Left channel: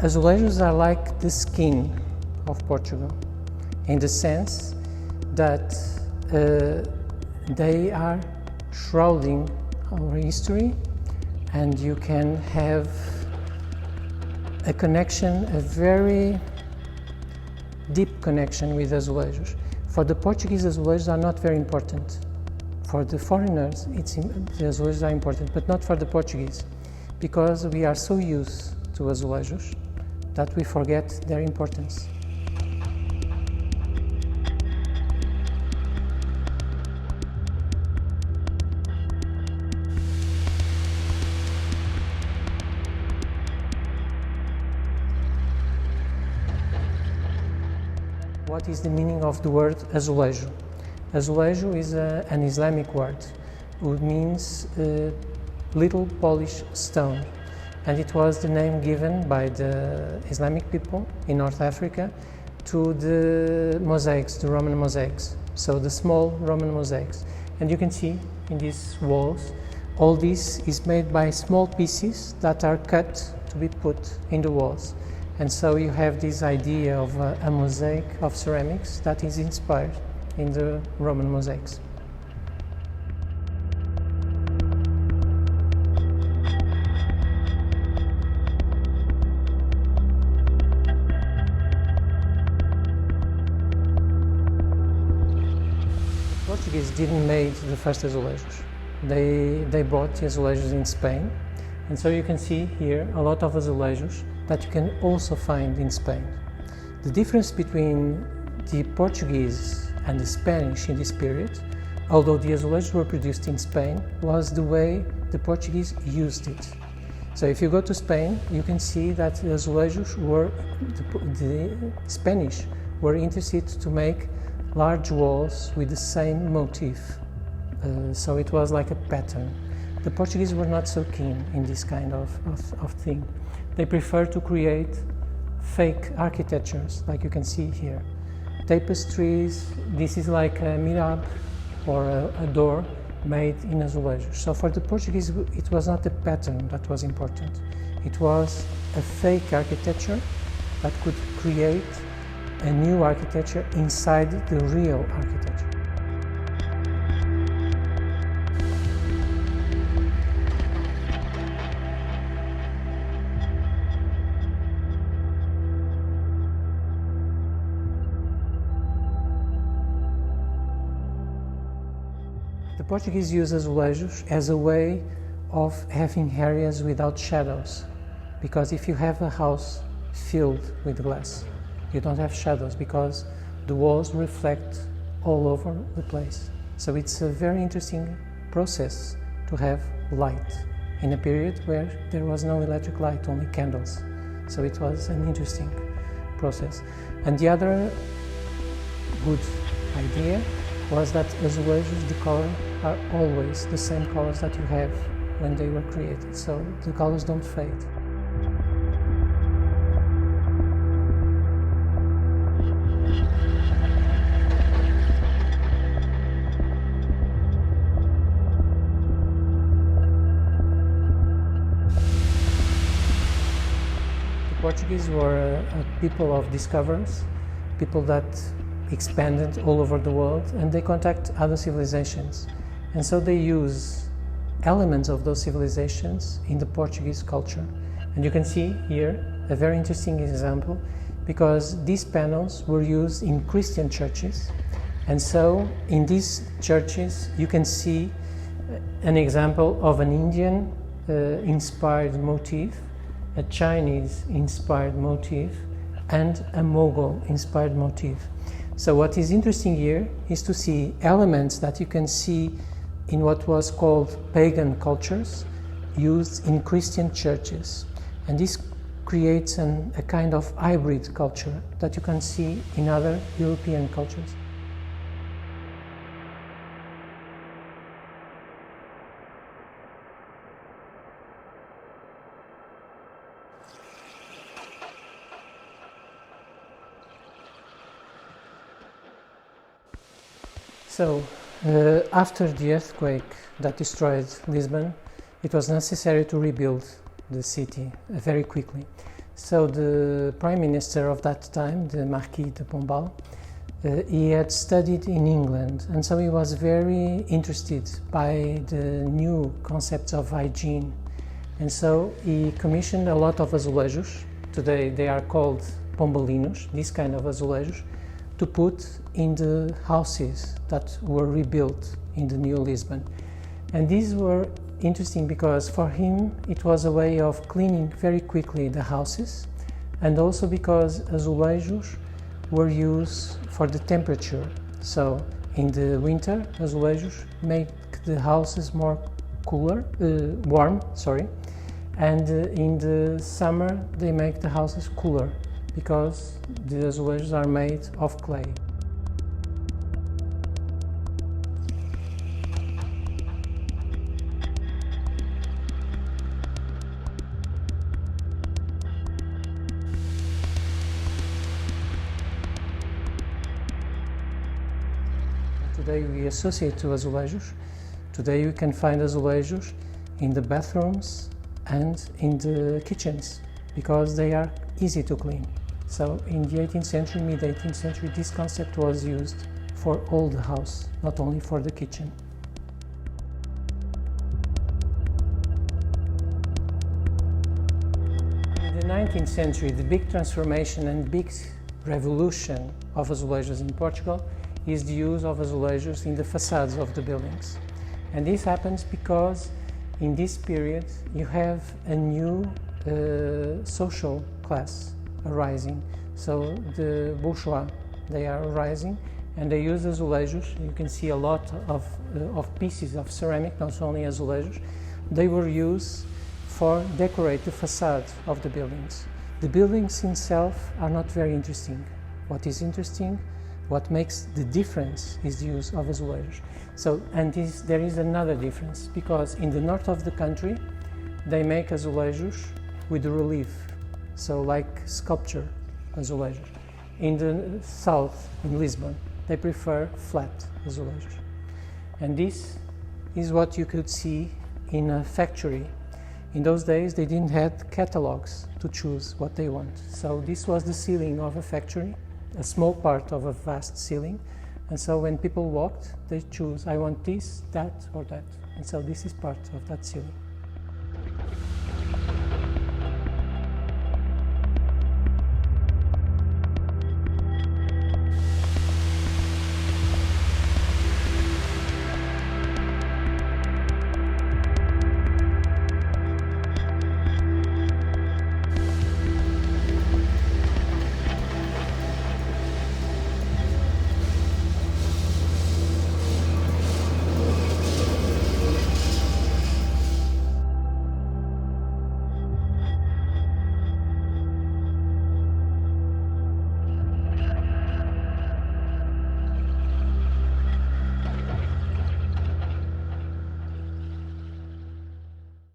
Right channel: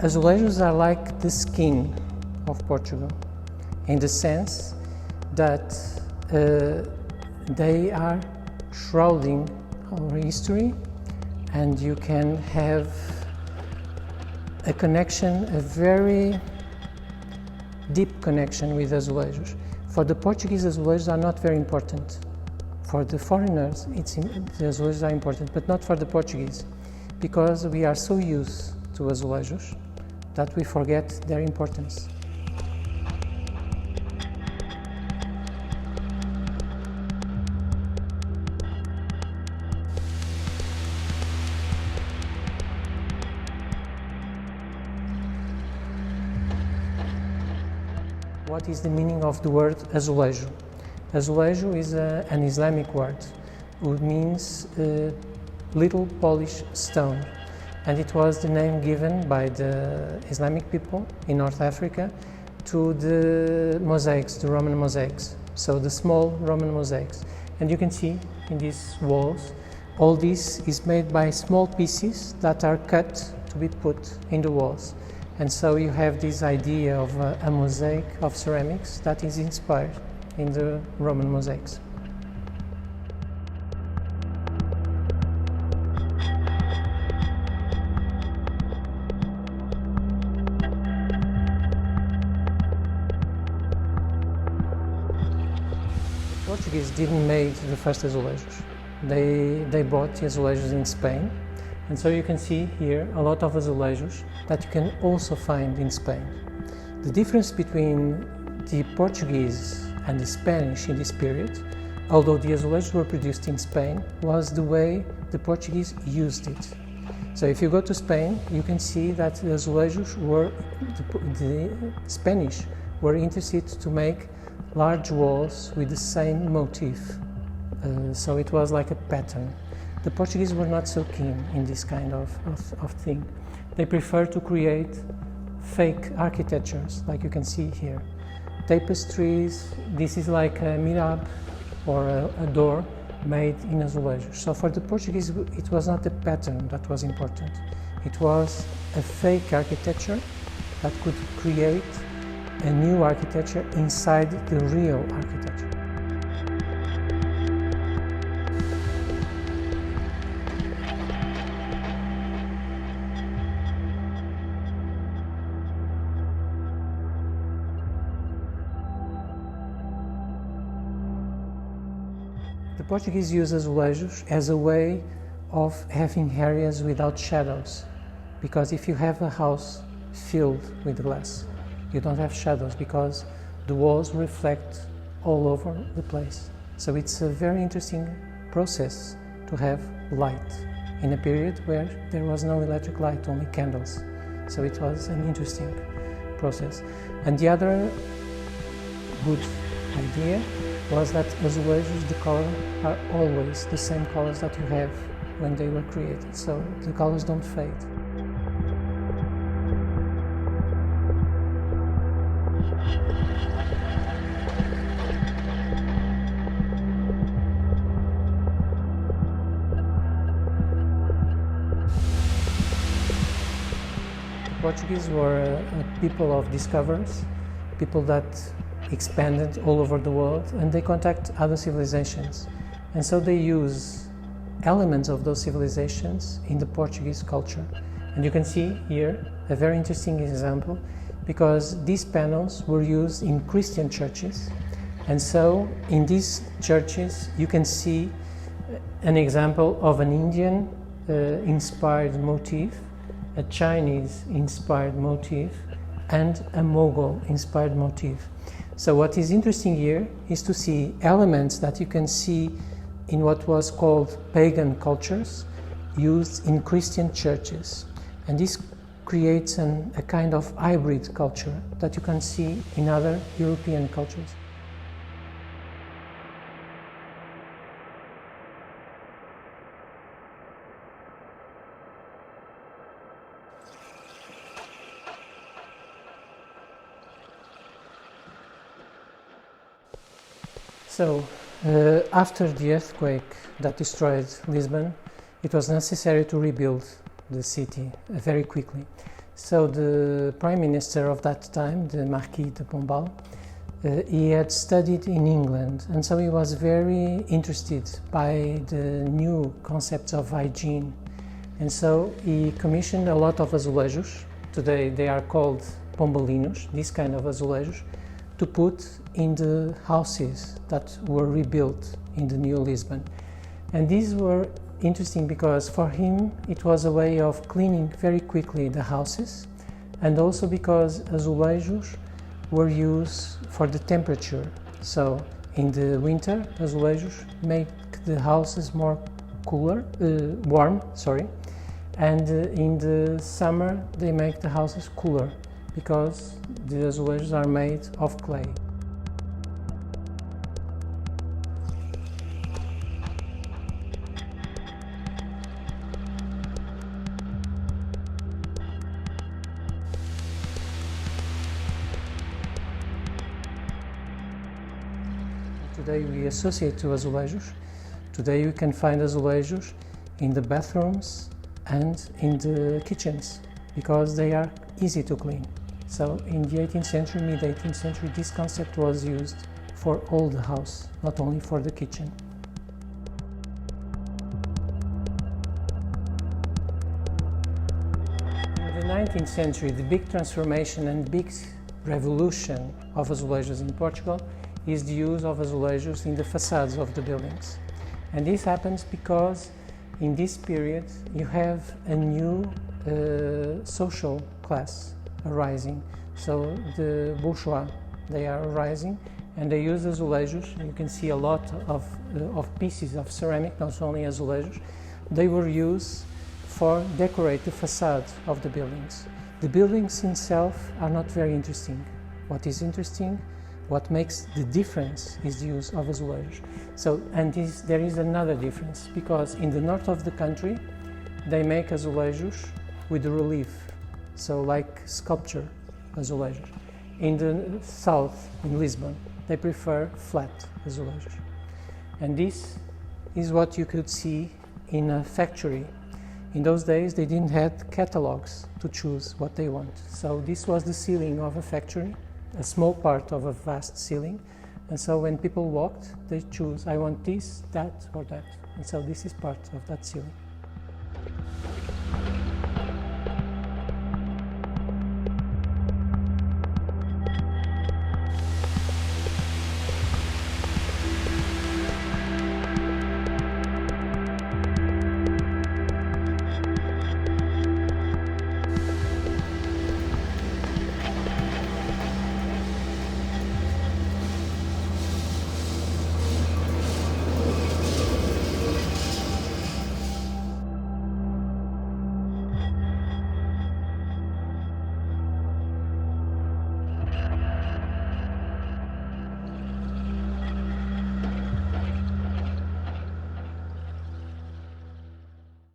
Azulejos are like the skin of Portugal, in the sense that they are shrouding our history, and you can have a connection, a very deep connection with azulejos. For the Portuguese, azulejos are not very important. For the foreigners, the azulejos are important, but not for the Portuguese, because we are so used to azulejos that we forget their importance. What is the meaning of the word azulejo? Azulejo is an Islamic word, which means little polished stone, and it was the name given by the Islamic people in North Africa to the mosaics, the Roman mosaics, so the small Roman mosaics. And you can see in these walls, all this is made by small pieces that are cut to be put in the walls. And so you have this idea of a mosaic of ceramics that is inspired in the Roman mosaics. The Portuguese didn't make the first azulejos. They brought the azulejos in Spain, and so you can see here a lot of azulejos that you can also find in Spain. The difference between the Portuguese and the Spanish in this period, although the azulejos were produced in Spain, was the way the Portuguese used it. So if you go to Spain, you can see that the azulejos were, the Spanish were interested to make large walls with the same motif. So it was like a pattern. The Portuguese were not so keen in this kind of thing. They prefer to create fake architectures, like you can see here. Tapestries, this is like a mihrab or a door made in azulejos. So for the Portuguese, it was not the pattern that was important. It was a fake architecture that could create a new architecture inside the real architecture. The Portuguese use azulejos as a way of having areas without shadows, because if you have a house filled with glass, you don't have shadows because the walls reflect all over the place. So it's a very interesting process to have light in a period where there was no electric light, only candles. So it was an interesting process. And the other good idea was that azulejos, the color are always the same colors that you have when they were created, so the colors don't fade. The Portuguese were a people of discoverers, people that expanded all over the world, and they contact other civilizations, and so they use elements of those civilizations in the Portuguese culture. And you can see here a very interesting example, because these panels were used in Christian churches, and so in these churches you can see an example of an Indian inspired motif, a Chinese inspired motif, and a Mughal inspired motif. So what is interesting here is to see elements that you can see in what was called pagan cultures used in Christian churches. And this creates a kind of hybrid culture that you can see in other European cultures. So, after the earthquake that destroyed Lisbon, it was necessary to rebuild the city very quickly. So the Prime Minister of that time, the Marquis de Pombal, he had studied in England, and so he was very interested by the new concepts of hygiene. And so he commissioned a lot of azulejos. Today they are called pombalinos, these kind of azulejos, to put in the houses that were rebuilt in the New Lisbon. And these were interesting because for him it was a way of cleaning very quickly the houses, and also because azulejos were used for the temperature. So in the winter, azulejos make the houses more warm, and in the summer they make the houses cooler because the azulejos are made of clay. Today we associate to azulejos. Today you can find azulejos in the bathrooms and in the kitchens because they are easy to clean. So in the 18th century, mid-18th century, this concept was used for all the house, not only for the kitchen. In the 19th century, the big transformation and big revolution of azulejos in Portugal is the use of azulejos in the facades of the buildings. And this happens because in this period you have a new social class arising. So the bourgeois, they are arising and they use azulejos. You can see a lot of pieces of ceramic, not only azulejos. They were used for decorate the facade of the buildings. The buildings themselves are not very interesting. What is interesting, what makes the difference is the use of azulejos. So, and there is another difference because in the north of the country they make azulejos with relief, so like sculpture azulejos. In the south, in Lisbon, they prefer flat azulejos. And this is what you could see in a factory. In those days they didn't have catalogs to choose what they want. So this was the ceiling of a factory, a small part of a vast ceiling, and so when people walked, they choose, I want this, that, or that, and so this is part of that ceiling.